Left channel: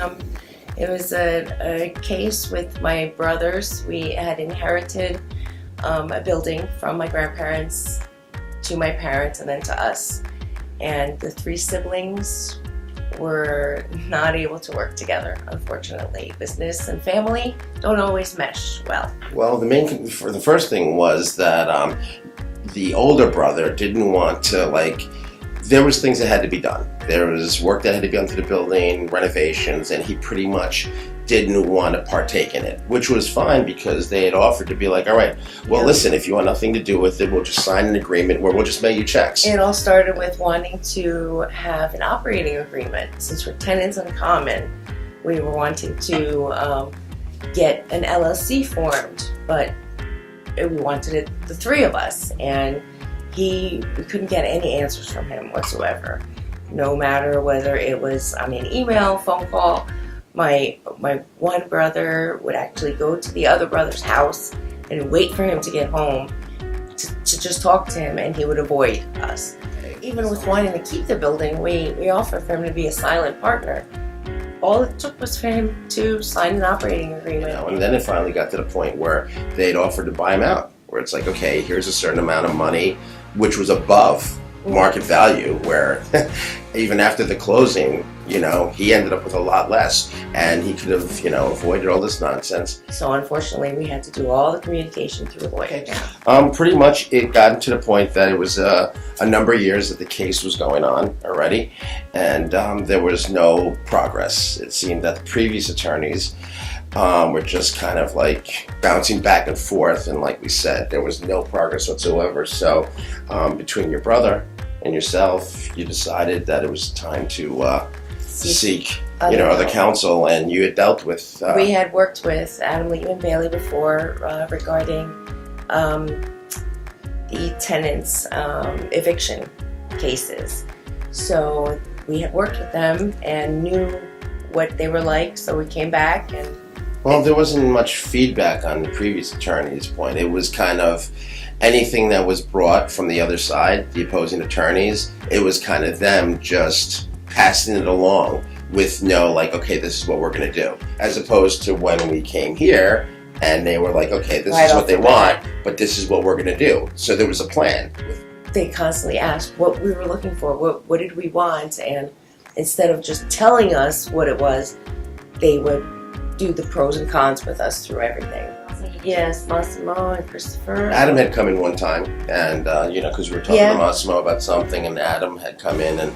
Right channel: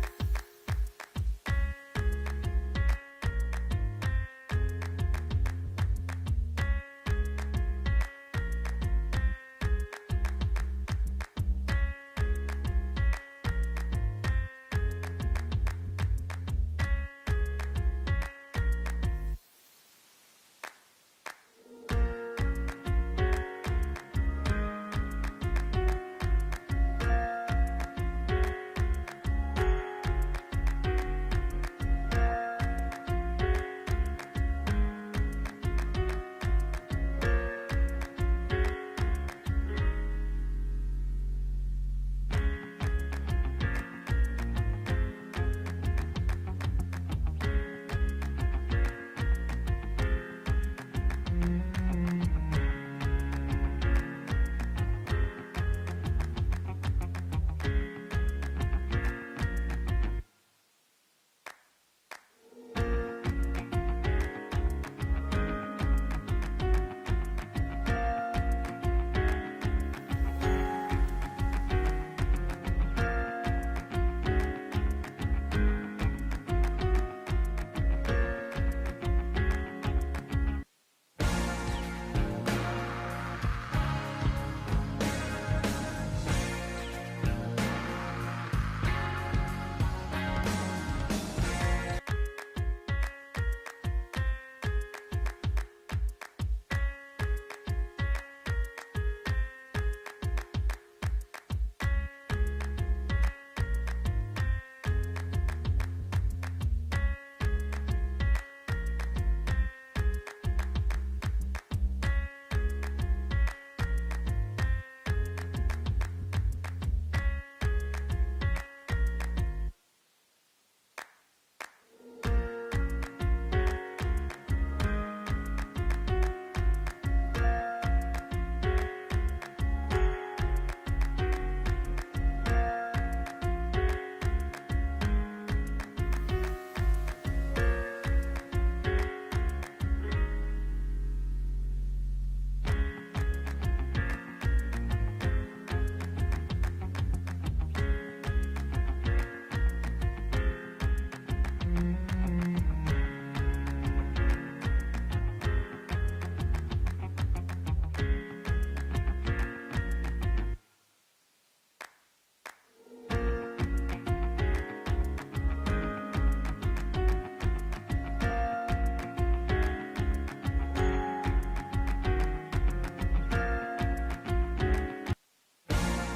Um, it was a case with my brothers. We had inherited a building from my grandparents to my parents and then to us. And the three siblings were not able to work together, unfortunately. Business and family don't always mesh well. Well, the first thing was that the older brother didn't want to, there was things that had to be done. There was work that had to be done to the building, renovations, and he pretty much didn't want to partake in it, which was fine because they had offered to be like, all right, well, listen, if you want nothing to do with it, we'll just sign an agreement where we'll just mail you checks. It all started with wanting to have an operating agreement. Since we're tenants in common, we were wanting to get an LLC formed, but we wanted it, the three of us, and we couldn't get any answers from him whatsoever. No matter whether it was, email, phone call. My one brother would actually go to the other brother's house and wait for him to get home to just talk to him, and he would avoid us. Even with wanting to keep the building, we offered for him to be a silent partner. All it took was for him to sign an operating agreement. And then it finally got to the point where they'd offered to buy him out, where it's like, okay, here's a certain amount of money, which was above market value, where even after the closing, he ended up with a lot less, and he could have, avoided all this nonsense. So unfortunately, we had to do all the communication through a lawyer. Pretty much it got to the point that it was a number of years that the case was going on already, and there was no progress. It seemed that the previous attorneys were just kind of bouncing back and forth, and like we said, there was no progress whatsoever. So between your brother and yourself, you decided that it was time to seek other counsel, and you had dealt with... we had worked with Adam Leitman Bailey before regarding the tenants' eviction cases. So we had worked with them and knew what they were like, so we came back and... Well, there wasn't much feedback on the previous attorney's point. It was kind of anything that was brought from the other side, the opposing attorneys, it was kind of them just passing it along with no, okay, this is what we're going to do. As opposed to when we came here and they were like, okay, this is what they want, but this is what we're going to do. So there was a plan. They constantly asked what we were looking for, what did we want, and instead of just telling us what it was, they would do the pros and cons with us through everything. Yes, Massimo and Christopher. Adam had come in one time, and because we were talking to Massimo about something, and Adam had come in, and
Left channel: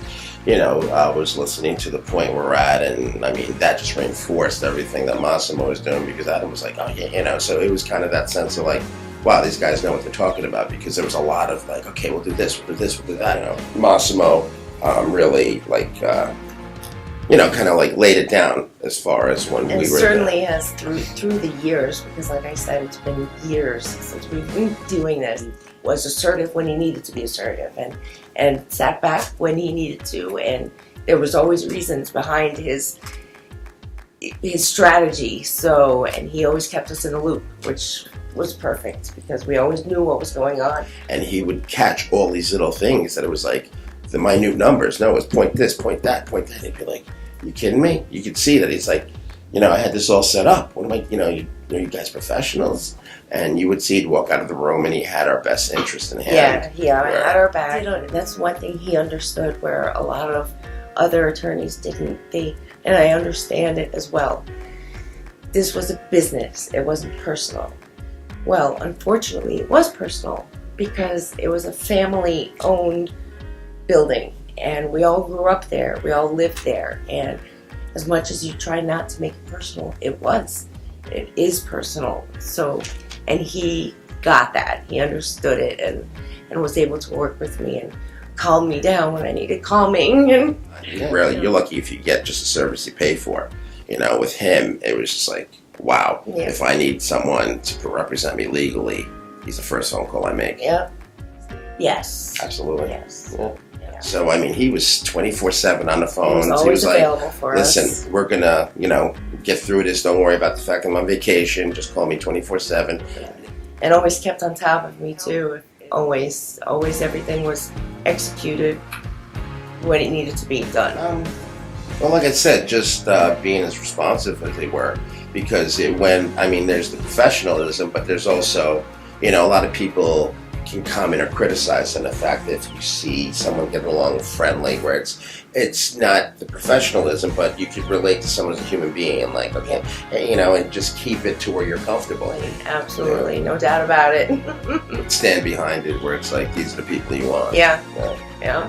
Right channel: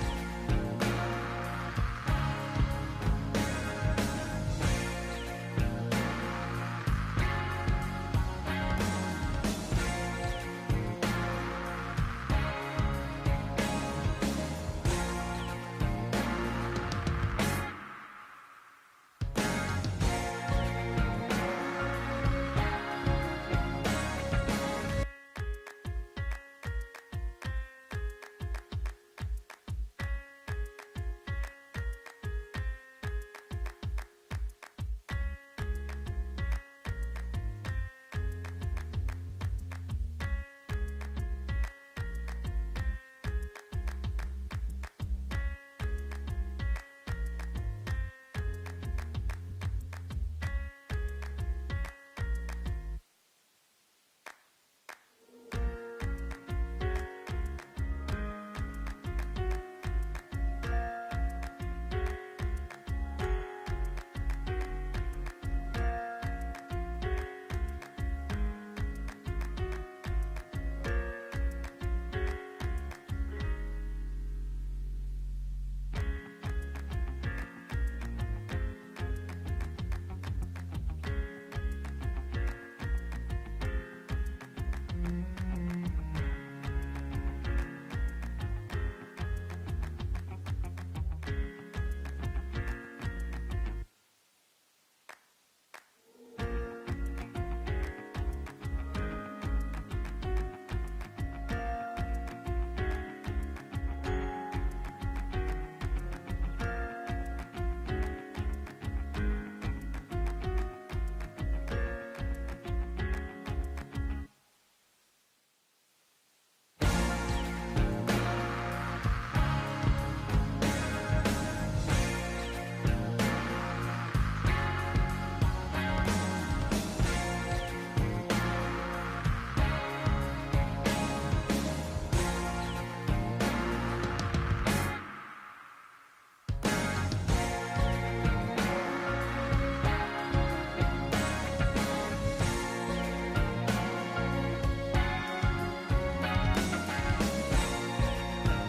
I was listening to the point we're at, and that just reinforced everything that Massimo was doing, because Adam was like, oh yeah, so it was kind of that sense of wow, these guys know what they're talking about, because there was a lot of okay, we'll do this, we'll do this, we'll do that. Massimo really kind of laid it down as far as when and we were certainly has through the years, because like I said, it's been years since we've been doing this. Was assertive when he needed to be assertive, and sat back when he needed to, and there was always reasons behind his strategy. So, and he always kept us in the loop, which was perfect because we always knew what was going on. And he would catch all these little things that it was the minute numbers. No, it's point this, point that, point that. He'd be like, you kidding me? You could see that he's I had this all set up. What am I, you guys professionals? And you would see he'd walk out of the room and he had our best interest in hand. Yeah, had our back. That's one thing he understood where a lot of other attorneys didn't. And I understand it as well. This was a business. It wasn't personal. Well, unfortunately, it was personal because it was a family-owned building, and we all grew up there. We all lived there, and as much as you try not to make it personal, it is personal. So, and he got that. He understood it and was able to work with me and calm me down when I needed calming. And you're lucky if you get just a service you pay for. With him, it was just wow. Yeah. If I need someone to represent me legally, he's the first phone call I make. Yep. Yes. Absolutely. Yes. Yeah. So, he was 24/7 on the phone. He was always available for us. Listen, we're going to, get through this. Don't worry about the fact I'm on vacation. Just call me 24/7. Yeah. And always kept on top of me, too. Always everything was executed when it needed to be done. Well, like I said, just being as responsive as they were, because there's the professionalism, but there's also, a lot of people can comment or criticize on the fact that if you see someone getting along friendly, where it's not the professionalism, but you could relate to someone as a human being, and like, okay, and just keep it to where you're comfortable. Absolutely, no doubt about it. Stand behind it, where it's like, these are the people you want. Yeah. Yeah.